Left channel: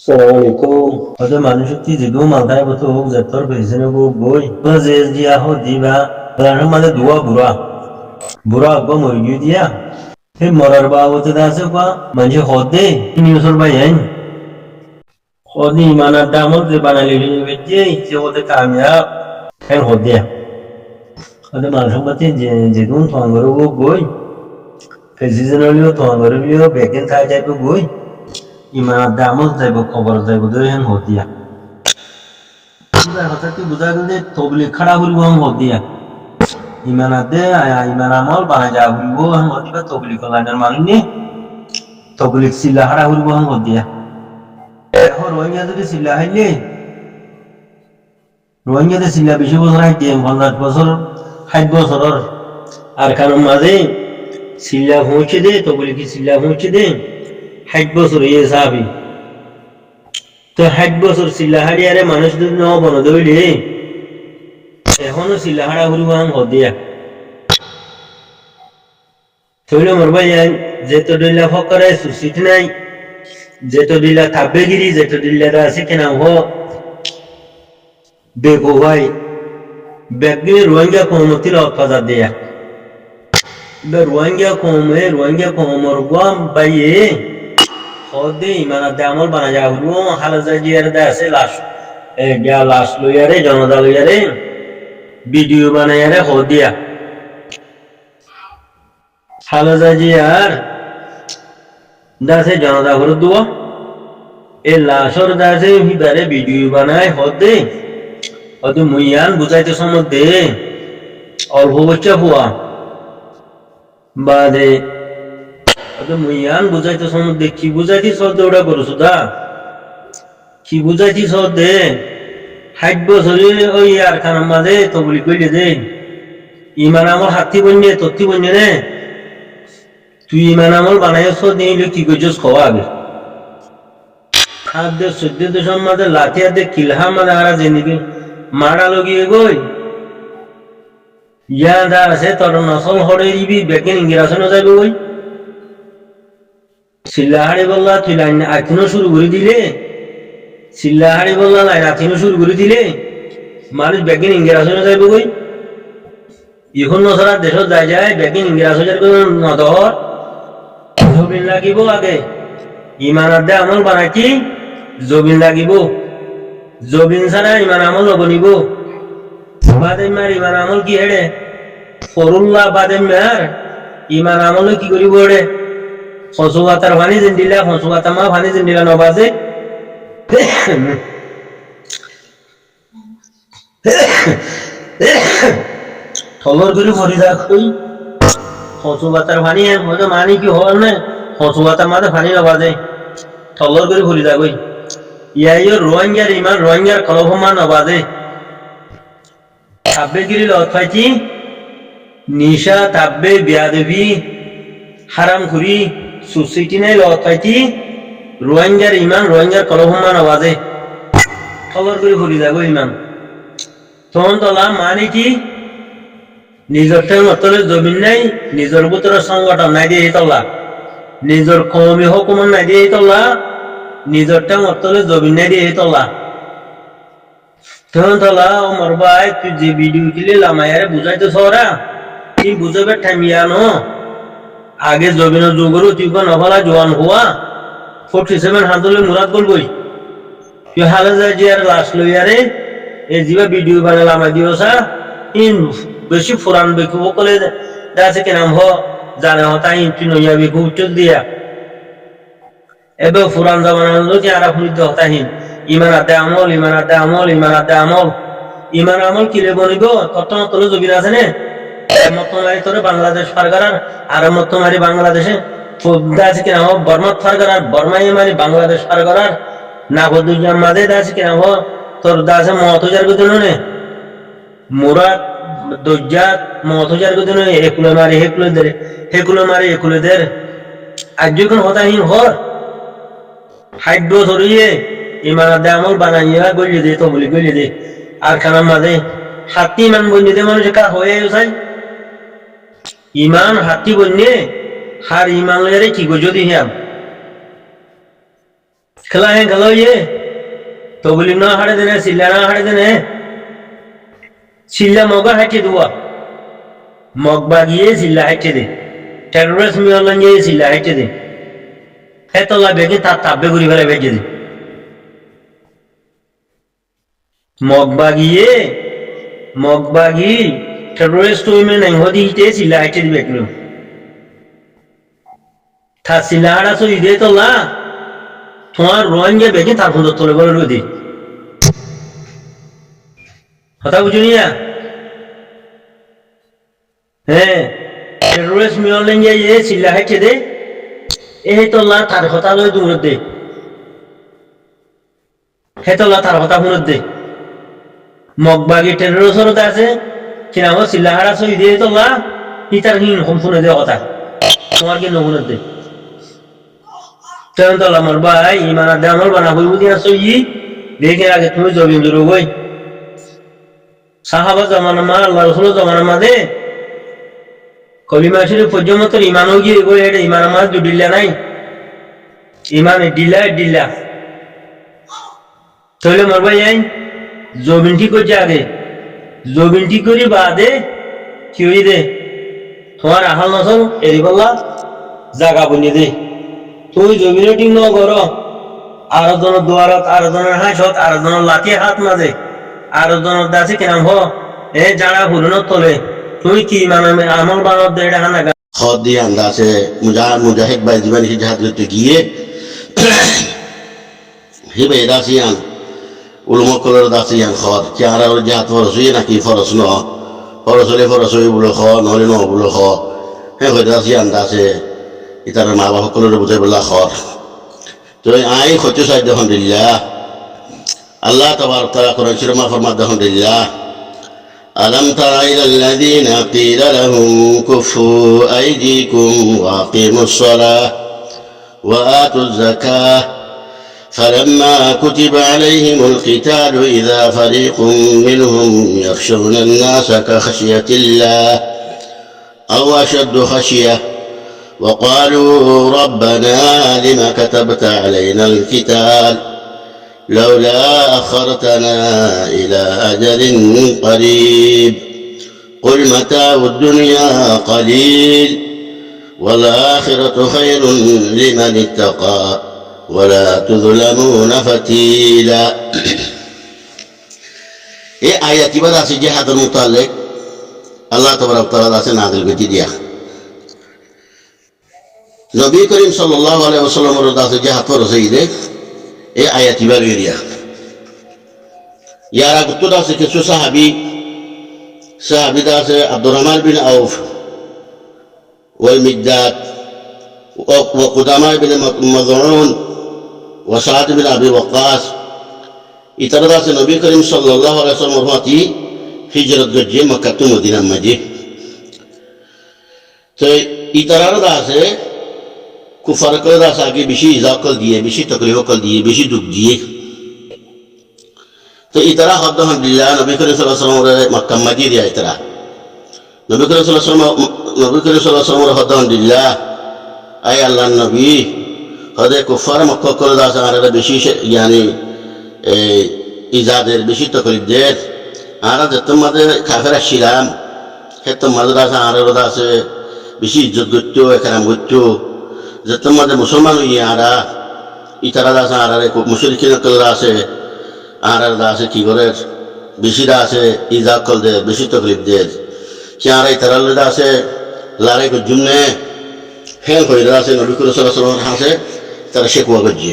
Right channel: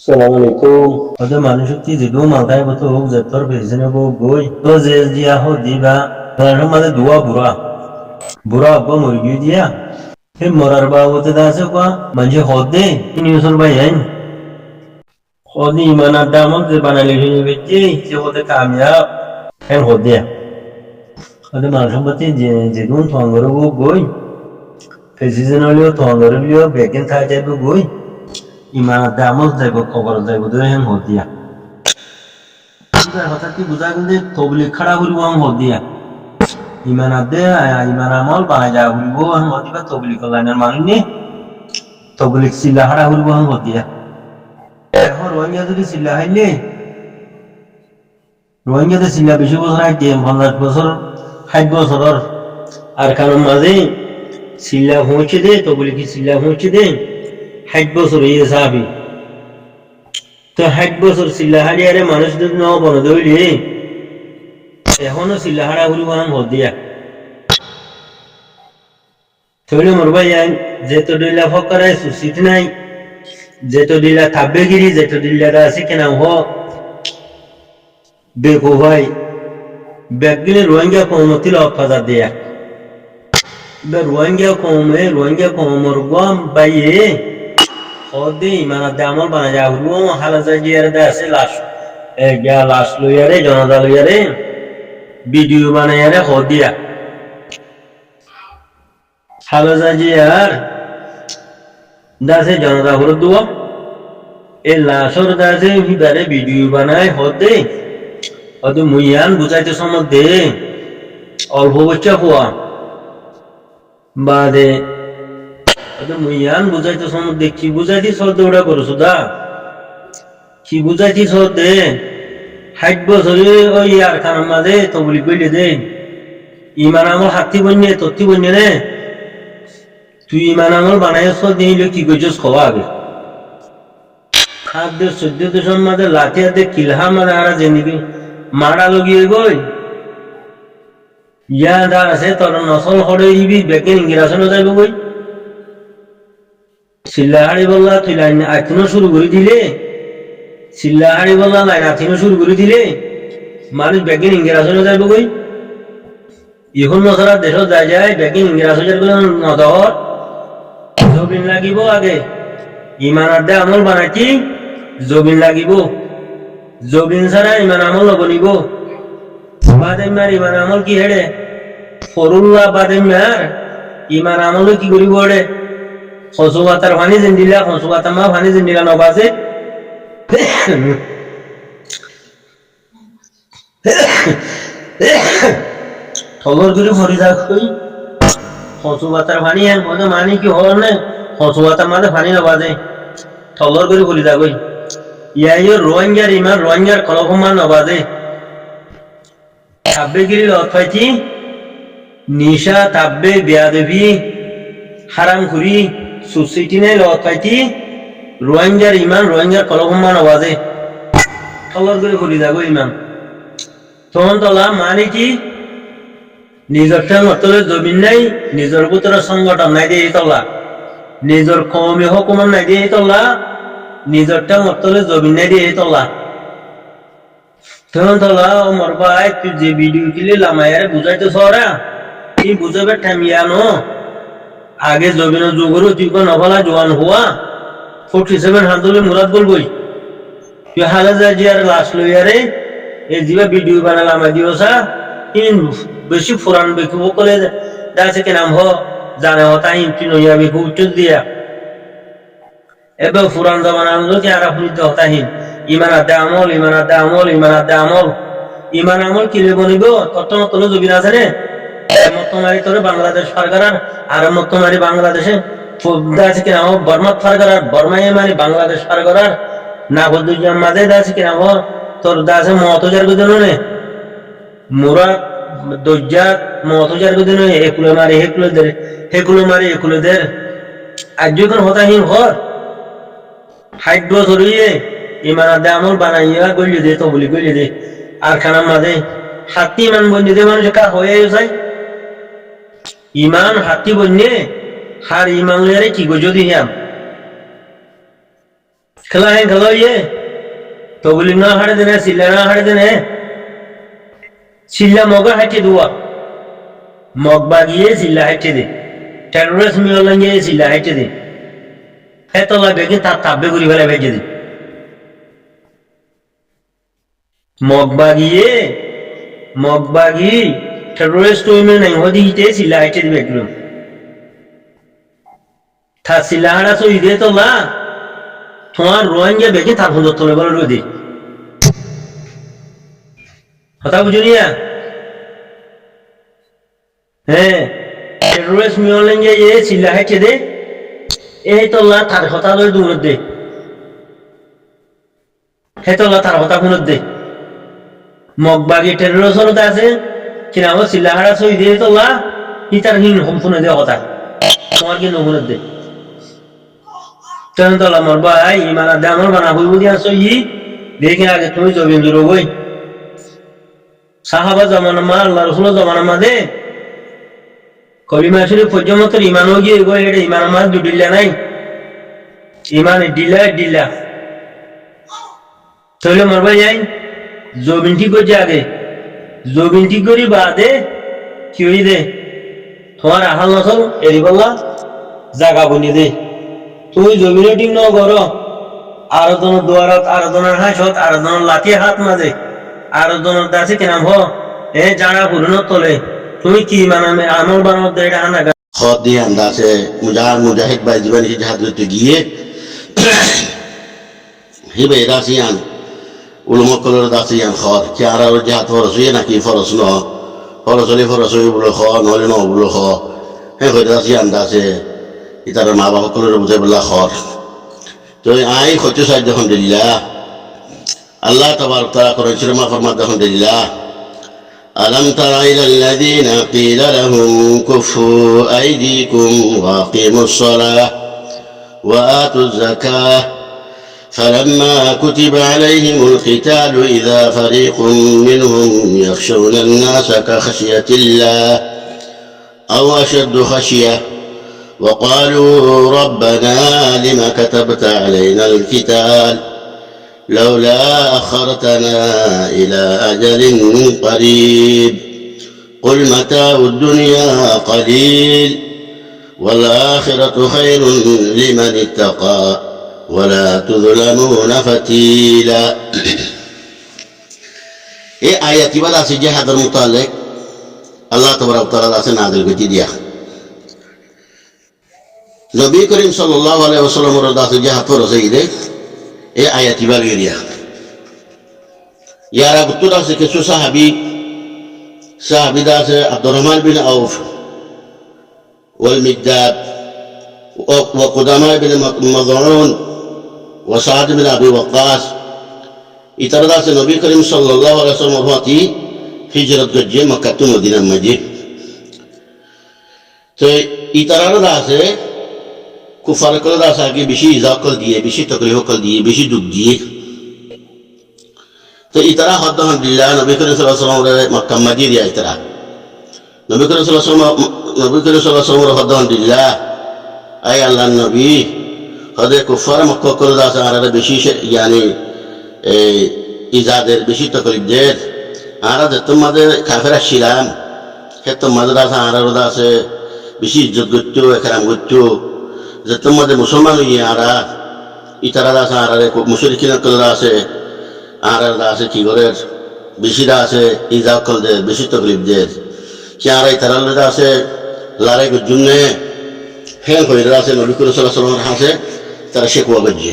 Assalamualaikum. Ada manusia ti jedu maltai betul hok jatuh pesan hok boy. Kalau dia ho diba, kalau mana dua bura apa murgi dia. He morar bawa tu dah sepa, manje hode. Ini usul bayan. Hode mana damal tu bana lagi beje, si hode kamya. Hen hode. Ada manusia ti jedu thanggaru hok boy. Pesan olio thanggaru olio bekin thai jai boy. ইমানের দামও যাইব খবর যাইব ধরে হেন হতিয়া বুঝার কথা কি বুঝা গেল যে তবলিগ খাড়া করিব হেন হতিয়া ইমানার দে ইমান আমল বানাই যা করিব হেন হতিবা তবলিগ লাইনের মানুষ নে তবলিগ চিল্লা খাড়া করিব হেন হতিয়া এখন রোহিঙ্গা যদি চিল্লা হাইলে রোহিঙ্গাতে চিল্লা বেশি বছর হাইতে 50 বছর 60 বছরের আর কারণ মাঝে চিল্লা পৌঁছে দে তবলিগ চিল্লা পৌঁছে দে 60 বছর ইয়ে সাবি তো 60 বছর চিল্লাহাড়ি আরে মানুষ যদি ন বন দইলি এখনো চিল্লাহাড়া ঘুরিব হাম হদিয়া তইলে মোর ভাই যেতো দিলা ফকরে সুসিট নাই যেতো দিলা থাবেগিরি যেতো দিলা দা আছে কেনা হো দেখো ভাই ব্যাগিলে রোহিঙ্গা কমতিল অফাজা দিয়া বে রোহিঙ্গা কমর গাম বাইয়ে হদে ইমানার দামল বানা যা হলো হালাজা জিয়ার দা আছে লাশ গা লাশ লইয়ারে জনতা লইয়ারে ভিডিও বানাইয়ারে হদিয়া হালাজা জিয়ার দাসে জনতা ঘর দুয়া এ লাশর দাসে হিবারে ভিডিও বানাই হদে হদে মুইয়ান বুঝাইতে সম্বন্ধে অল্প বাচ্চা ফুয়া বাদে মুইয়ান বুঝাইতে সম্বন্ধে কি বুঝাইছি সদে ওটা করছো দা কি বুঝাইছি সদে 60 বছরে ওই আর খানার মাঝে তবলি কইলে দে ইমান আমল হাতি বন্যে তত্তি বন্যে নে তুই ইমান আমল বানাইছ দিলে কি কইছস খাওয়া আগে খাদ্য সদ্য দেশের মাঝে লাঠিয়া দে কিলহা মাঝে আরা জিনিকি মারা লগিয়ে গই ইয়া দা আছে তোর নসল হড়ে দিবি বেকিন ইংরাজনো যাইব গই চিল্লাহাড়ি বললা তুই লাইন আইনো শুরু করে দিলে চিল্লাহাড়ি বললা লাইন আইনো শুরু করে দিলে মানুষ বেগিন ইংরাজনো যাইব গই এখন নসরা দেশ যায় বেগিন ইংরাজের নদহর জবিন লাগিব আগে ইমানার দে আমল বানাইছি জবিন লাগিব জবিন ছাড়া ইমান আমল নবনিব বাদেমার ইমান আমল কি হেড়ে ফরুল্লাহ বাদেমার ইমান আমল কি করিব হেড়ে হসুয়াতার ফানি জিন্দিলা হসুয়াতা মা ফানি জিন্দিলা নবাজে থলর করে ভরি রাখই হসুয়াতার ফানি হ্যাঁ হয়তো মানি কি হল না হসুয়াতার মাঝে ফানি নবাজে থলর করে ভরি রাখই ইয়াইও রোহিঙ্গার ইমান রোহিঙ্গার কলভমা নবাজে তাব্বে গিরি লত পাইছি নিশা তাব্বে বিয়াদবি হারাম খুরি সোসাইটি নাই লত পাইছি রোহিঙ্গার ইমান রোহিঙ্গার কলভমা নবাজে থলর করে ভরি রাখই ইমান তখন তলা মানে কি নিজের ঠেঙতলে জমিন নাই নিজের ভিতরে সংগঠন নাই দিয়ে তলা নিজের কমি হকুমান নাই দিয়ে তলা নিজের ঠেঙতলে জমিন নাই দিয়ে তলা তখন তলা ও মোর ভাই তুই যে ভিডিও কিলে লামায়ারে বুঝাইতে সরা তুই বুঝাবে ঠামিয়ানো আগে জমিন যোগরু তুই নভলা জোয়ান হওয়া 47 হাতলে মুরাদ বলবই তুই হালে যা জিয়ার লাশ লইয়ারে এ জিবা ভিডিও বানালাম দিওসা ইন বেশি ফুরান বেকু বলে দাসে কে নাম হ জানে হতা ইন তুই নইয়া বেকু উচ্চ দিয়া এবে ফুরান জামানা হলো কি আরা ফুরিত হতা হিন ইমান আদে আমল ইমান আদে আমল ইমান আদে আমল ইমান আমল কিলে বনিব তত্ত্ব তলে জবিন আছে নে মতমারি তোরে বাংলাদেশ সরকার আর মতমারি বাংলাদেশে দাসে কে নাম বর্মা সরকার বর্মায় মানে বাংলাদেশ সরকার না বদুজাম মাঝে দাসে কে নাম তোর দাসে মতজার গজনো নে মুরাদ দজ্জাত মতজার গজনো একুলে মারি হেকুলে দের আজ যখন হতাহীন হর 60 বছরিয়ে ইমান আদে আমল বানাইয়া গলিয়ে দে তো বলি গলিয়ে দে আর খানার মাঝে হাতি ইমান বন্যে দে মানুষ কার হয়ে যায় ইমান হাতি বন্যে হার ইমান লইয়ারে কি গো যদি হিয়াম খেলা ইয়ে তবলি না হাড়ে দেনে সিল্লা না হাড়ে দেনে সিল্লা মগা হাঁটে দুয়া মগ বাগিয়ে সিল্লা হাঁটে দে টেরোরিস্ট মিয়লান গিয়ে সিল্লা হাঁটে দে হে তলা বেগে তার তাব্বে ঘুরি ফেলে ভেজে দে মগ বাগি টেরোরিস্ট উইমে নাই হদি হিতে সিল্লা হাঁটে দিবে একদম থা সিল্লা হাড়া সই দে তলা তোমার রোহিঙ্গা বেগে তার সুন্দর তলে বলে রয়ে দে কথা বুঝুনিয়া হ্যাঁ টেরোরিস্ট মিয়লান গিয়ে সিল্লা হাঁটে দে এই তলা তার কথা লই দূর দে হে তলা তার কথা শুনত দে মগবাগি টেরোরিস্ট আছে কিনা ও সিল্লাহারা সই দিয়ে তলা হিতার হিন সম্পূর্ণ দে কথা তোমার কি নহুনত দে তখন তলা মোর ভাই ইমানার দে আমল বানা হইব দিয়া সই দেখি আগে তুমি জবিন দূর হই সাহাবা জমানা মা আল্লাহ রসুল জমানা মা দে কলিমা শরীফ পর্যমতর ইমানও গিয়ে গো এটা ইমান আমার জুডিল্লা নাই ইমান ডিল্লা তাহলে মোর ভাই আইন জবিন ঠিক করছে আগে জবিন ঠিক করি বাদে কি হই দে তোমার আহাল নসল এরি বললা জাগা বনিয়ে দে তুই জবিনে ঠিক ন কর আরো জনের দুয়ারত আরো জনের হাঁসত আরো জনের লাঠি হাত মাঝে আরো জনের দাসে কিনাম হ এ জানা হুরুনত তোলে তুমি কি মানে আমল বানত দে এটা হানা খদ দিয়ে আন্দাজে মুজাহিদ ভাই জীবন সে জাহাজ করতে গিয়ে হিবে দাসিয়ান উলুমকলের দাসিয়ান খদ কি আর জাহাজ ফরস হইয়ে নাকি ফরস ন ফরস হই বলে খ নহলে ন বলে খ হ্যাঁ হয়ে দাসিয়ান দাসে ইতার মা বাবা সকলের বুঝাই বললা খর তো আই হচ্ছে সাহায্য আলহামদুলিল্লাহ আল্লাহ তাবারক তাআলা কোরআন শরীফে ফরমাত আলহামদুলিল্লাহ ألم تر إلى الذين قيل لهم كفوا أيديكم وأقيموا الصلاة وآتوا الزكاة فلما كتب عليهم القتال إذا فريق منهم يخشون الناس كخشية الله أو أشد خشية وقالوا ربنا لم كتبت علينا القتال لولا أخرتنا إلى أجل قريب قل متاع الدنيا قليل والآخرة خير لمن اتقى ولا تظلمون فتيلا এই আয়াতি বাদ আছে জিহাদের মুতাল্লিক আল্লাহ তাবারক তাআলা আছে নাযিল করে দিয়া নবী করিম সাল্লাল্লাহু আলাইহি ওয়াসাল্লামের দাসে জিহাদ ফরজ হইলে এই আয়াতি বাদ গিয়া ইয়ারা গুত্তু আছে কিছু সাহাবী দাসে আব্দুর রহমান বিন আউফ ওয়াল মিকদাদ ওয়া কুদামা বিন মাযউন ওয়া সাদ বিন আবি ওয়াক্কাস ইতারা দাসে নবী করিম সাল্লাল্লাহু আলাইহি ওয়াসাল্লাম হতি হিজরত গজ্জে মক্কা টু মদিনা মাঝে তো ইতারা দাসে কুফার করে দাস আগে বেশি ইজাকল দিয়ে বেশি তকলিফ কল দিয়ে বেশি দুঃখ দিয়ে তো ইতারা হদ আলহামদুলিল্লাহ নবী করিম সাল্লাল্লাহু আলাইহি ওয়াসাল্লাম মক্কা মাঝে দিয়া ইতারা নবী করিম সাল্লাল্লাহু আলাইহি ওয়াসাল্লাম হদ আলহামদুলিল্লাহ আই আল্লাহর নবী হদে কুফার মক্কা করে দাস আর বেশি ইয়ানি ইজাদের বেশি তকলিফ দের আর যত মাঝে কাফের ছিলাম ক্ষেত্র মাঝে দাস আর দাসে বেশি ইজ্জত করত একরাম করত যত মাঝে মুসলমান হইয়ে আরা ইতারা দাস আর মুশরিকিন কল আছে আর দাসে কি করে বেশি দাসে ইজা কল দে বেশি তকলিফ দের কি আর ইতারা দাসে লড়াই করজুমনে ফেল হয়ে দাসে নবী করিম সাল্লাল্লাহু আলাইহি ওয়াসাল্লাম হাসে তারা শেকওয়া করছে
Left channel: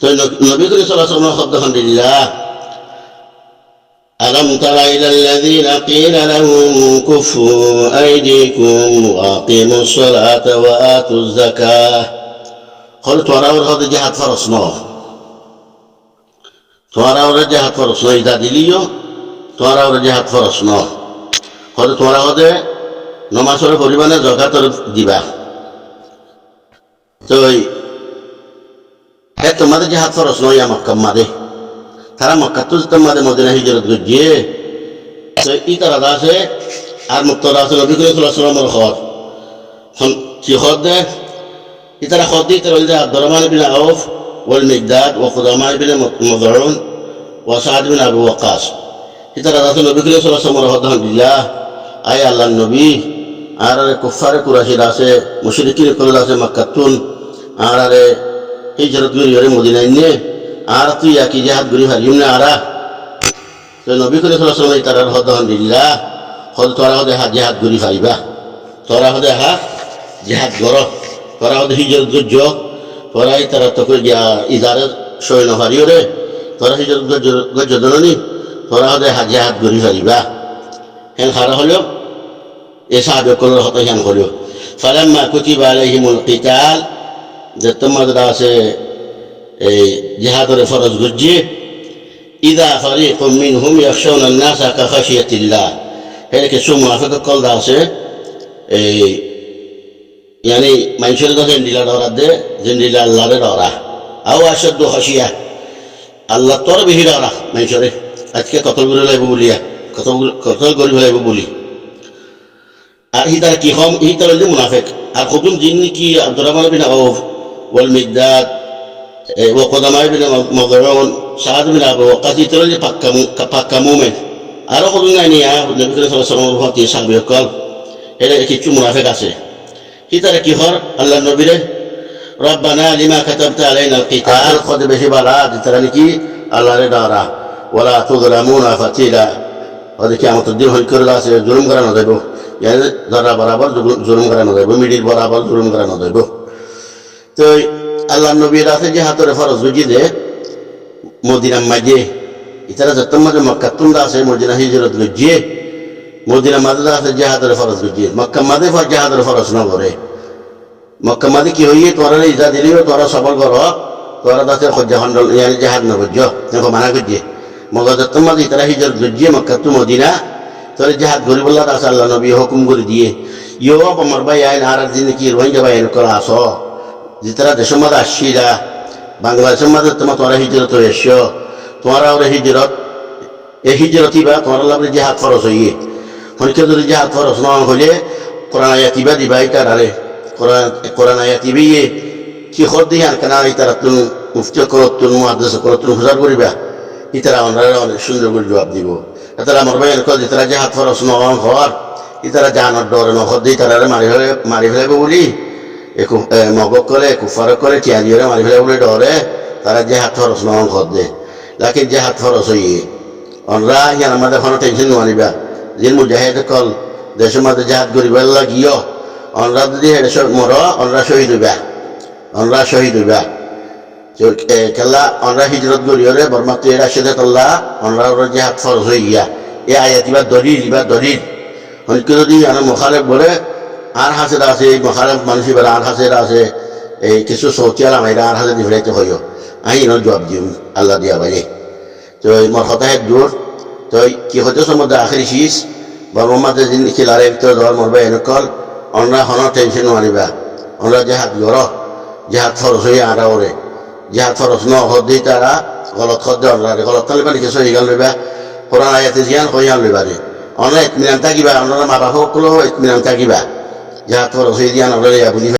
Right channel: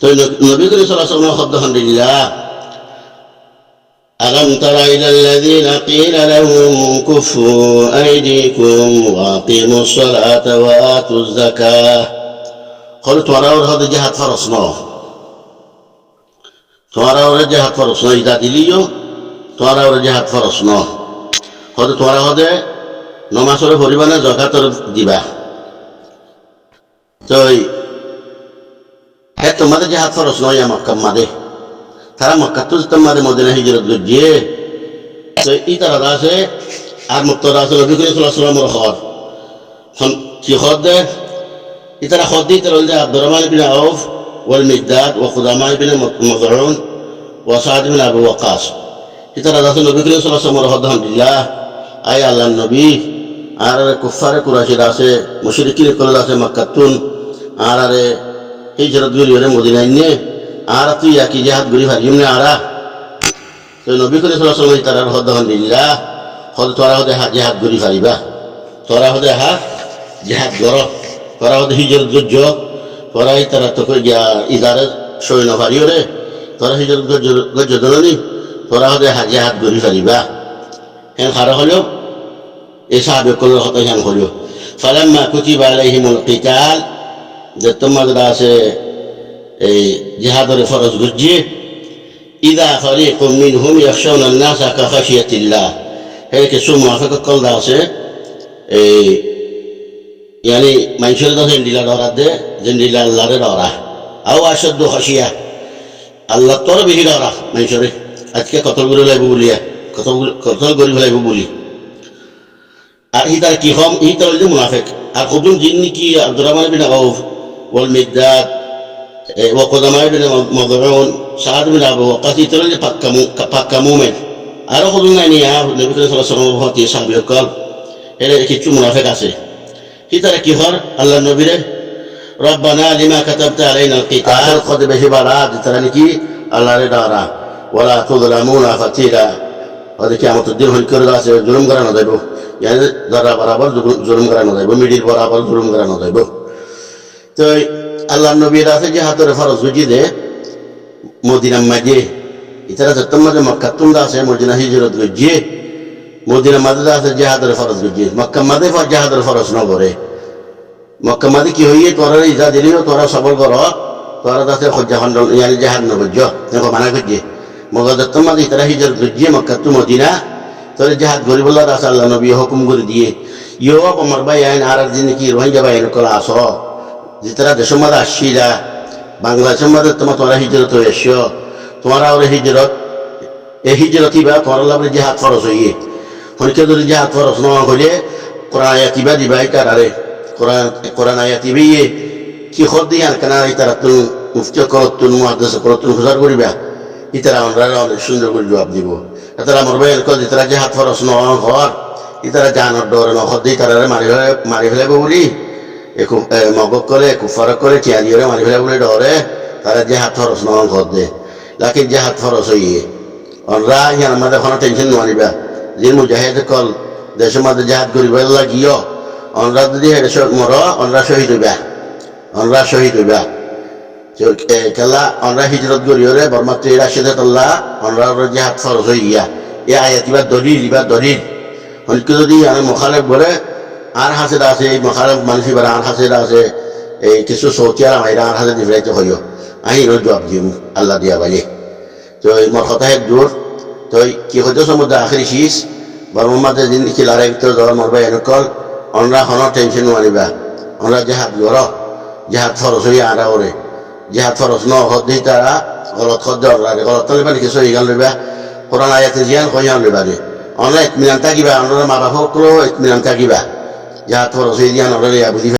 তো নবী করিম সাল্লাল্লাহু আলাইহি ওয়াসাল্লাম শব্দ আলহামদুলিল্লাহ ألم تر إلى الذين قيل لهم كفوا أيديكم وأقيموا الصلاة وآتوا الزكاة قلت وراور هذا جهة فرصنا وراور جهة فرصنا إذا دليو وراور جهة فرصنا قلت وراور هذا نماسور فريبانا زكاة ديبا তো হে তোমাদের যে হাত ফরস নয় মক্কা মাদে তারা মক্কা তো তোমাদের মদিনা হিজরত গিয়ে তো ই তারা আছে আর মুক্ত আছে নবী করিম সাল্লাল্লাহু আলাইহি ওয়াসাল্লামের খর কি খর দে ই তারা খর দি তারা আব্দুর রহমান বিন আউফ والمقداد وقدماء بن مضعون وسعد بن أبي وقاص ইতারা রাসূল নবী করিম সাল্লাল্লাহু আলাইহি ওয়াসাল্লাম রহমাতুল্লাহ আয় আল্লাহর নবী আর কুফারে কুরাশির আছে মুশরিকিন কল আছে মক্কাতুন আর হিজরত করি ওরে মদিনায় নিয়ে আর তুই একই জিহাদ করি ফারিম না আরা তো নবী করিম সাল্লাল্লাহু আলাইহি ওয়াসাল্লাম ইতারার আলহামদুলিল্লাহ হদ তোরা হদে জিহাদ করি ফারিবা তোরা হদে জিহাদ গর তোরা হদে হিজরত গজ্জ তোরা ইতারা তো গিয়া ইজারে সৈন্য ফারিও রে তোরা হিজরত গজ্জ দননি তোরা হদে জিহাদ করি ফারিবা হেন খারা হলো এ সাহাবে কলর হতো হ্যান হলো ফালাম্মা কুতিবা আলাইহিমুল কিতাল যে তোমাদের আছে এই জিহাদের ফরজ গজ্জে ইদা ফারিকুম মিনহুম ইয়াখশাউনা আন-নাসা কাখাশিয়াতিল্লাহ হেন কিছু মুনাফিক কল দা আছে এই yani মানুষের কাছে দিলা ডরা দে জিন্দিলা আল্লাহরে ডরা আও আশদ্দু খাশিয়া আল্লাহ তোর বেশি ডরা মানুষের আজকে কতল করে লাইব বলিয়া কতল করি ফেলাইব বলি আর হিতার কি হম হিতার হইলে মুনাফিক আর খুবুম জিন্নি কি আব্দুর রহমান বিন আউফ ওয়াল মিকদাদ ওয়া কুদামা বিন মদউন সাদ বিন আবু ওয়াকাস হিতার হইলে পাক্কা মুমিন আর খুবুম নাই নিয়া নবী করিম সাল্লাল্লাহু আলাইহি ওয়াসাল্লাম হতে সাহাবীর কল এর কিছু মুনাফিক আছে হিতারে কি হর আল্লাহর নবীরে রব্বানা লিমা কাতাবতা আলাইনাল কিতাল কদ বেশি বালা হিতারে কি আল্লাহরে ডরা ওয়ালা তুযলামুনা ফাতিলা ওদের কিয়ামতের দিন হল করে আছে জুলুম করা না যাইব يعني যারা বরাবর জুলুম করা না যাইব মিডিল বরাবর জুলুম করা না যাইব তো আল্লাহর নবীর আছে যে হাতরে ফরজ বুঝি দে মদিনা মাঝে ইতারা যতম মাঝে মক্কা তুন্দা আছে মদিনা হিজরত গজিয়ে মদিনা মাঝে আছে যে হাতরে ফরজ গজিয়ে মক্কা মাঝে যে হাতরে ফরজ ন করে মক্কা মাঝে কি হইয়ে তোরা ইজা দিলিও তোরা সবর কর তোরা দাসে খজ্জা খন্ডল ইয়ানি জাহাদ না গজ্জ দেখো মানা গজিয়ে মগজ যতম মাঝে ইতারা হিজরত গজিয়ে মক্কা তু মদিনা তোর জাহাদ গরিবুল্লাহ দাস আল্লাহ নবী হুকুম করে দিয়ে ইয়ো আমার ভাই আইন আর দিন কি রোহিঙ্গা ভাই করা আস যেতারা দেশের মধ্যে আসছিলা বাংলাদেশের মধ্যে তোমরা হিজরত হয়ে এসছ তোমরা ওর হিজরত এই হিজরতই বা তোমার লাগলে জাহাদ ফরজ হইয়ে হনিকে যদি জাহাদ ফরজ না হইলে কোরআন আয়াতিবা দিবা ইতার আরে কোরআন আয়াতিবি কি খর দিয়ান কেনা ইতারা তুন মুফতি করতুন মুহাদ্দিস করতুন হুজার করিবা ইতারা অনেক সুন্দর করে জবাব দিব এতারা আমার ভাই কল ইতারা জাহাদ ফরজ ন হর ইতারা জানর ডর ন হদ ইতারা মারি ফেলাইব বলি মগক কলে কুফার কলে চিয়ারিওরে মারি ফেলাইব বলে ডরে তারা জাহাদ ফরজ ন হদ দে লাকিন জাহাদ ফরজ হইয়ে অনরা ইয়ার আমাদের কোনো টেনশন নানিবা যে মুজাহিদ কল দেশের মধ্যে জাহাদ করিবার লাগিও অনরা যদি হেডে মর অনরা শহীদ হইবা কেলা অনরা হিজরত করিওরে বর্মাত্র এরা সেদে তল্লা অনরা জাহাদ ফরজ হয়ে গিয়া এ আয়াতিবার দলিল হনিকে যদি মুখালেফ বলে আর হাসেরা আছে এই মুখালেফ মানুষই বেড়া আর হাসেরা আছে এই কিছু সৌতিয়াল আমাইরা আর হাসে দিফরাইতে হইও আহি ন জবাব দিম আল্লাহ দিয়া বাইলে তো মোর কথা হে দূর তো কি হতে সমুদ্র আখরি শীষ বর্মাতে জিন্দি খিলারে ভিতরে ধর মরবা এনেকল অনরা হন টেনশন মারিবা অনরা জাহাদ গর জাহাদ ফরজ হয়ে আরা ওরে জাহাদ ফরজ ন হদ তারা গলত খদ গলত তালিবা লিখে সহি গাল লইবা কোরআন আয়াতে জিয়ান কইয়ান লইবা রে অনরা ইতমিনান থাকিবা অনরা মা বাপ সকলেও ইতমিনান থাকিবা জাহাদ ফরজ হয়ে দিয়ান অনরা বুঝি